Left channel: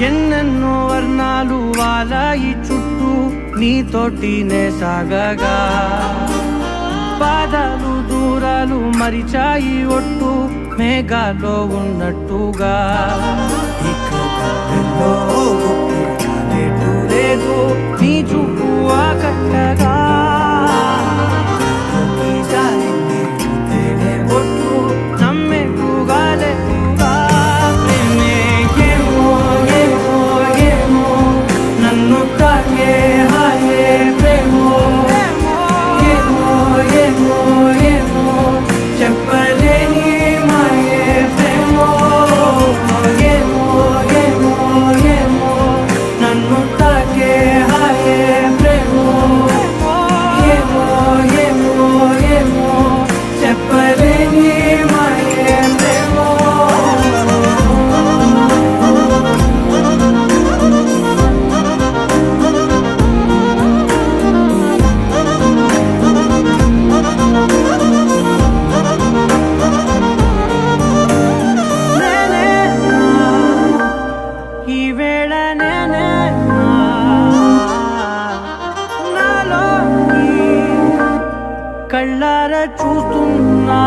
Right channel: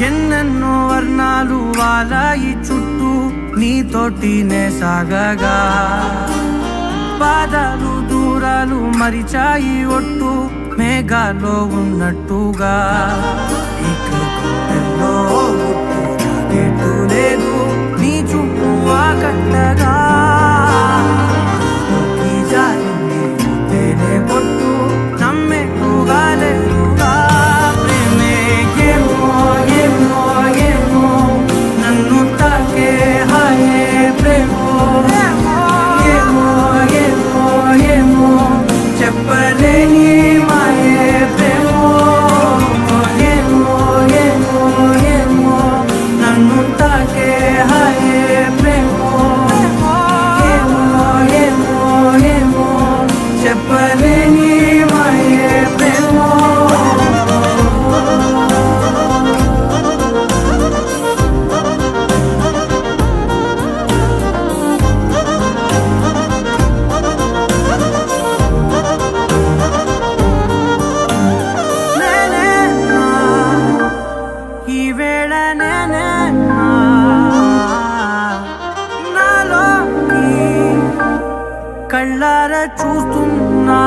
ఎన్నెన్నో వర్ణాలు వాలాయి చుట్టూ నీతోటినే సాగగా పాదాలు దూరాలు మరిచాయి ఒట్టు మేఘాల్లో ఉన్నట్టుగా లేదు నీ చూపు ఆకట్టగా పొట్టు నమ్మేట్టుగా లేదుగా ప్రేమే ఏమో ఏమో ఏమో నన్ను తాకే హాయే ప్రేమో ఏమో ఏమో ఏమో ఏమో చెప్పలేని మాయే ప్రేమో ఏమో ఏమో ఏమో నన్ను తాకే హాయే ప్రేమో ఏమో ఏమో ఏమో చెప్పలేని మాయే ప్రేమో నేనేనా ఈ వేళ నేనేనా నాలోకి కళ్ళారా చూస్తున్నా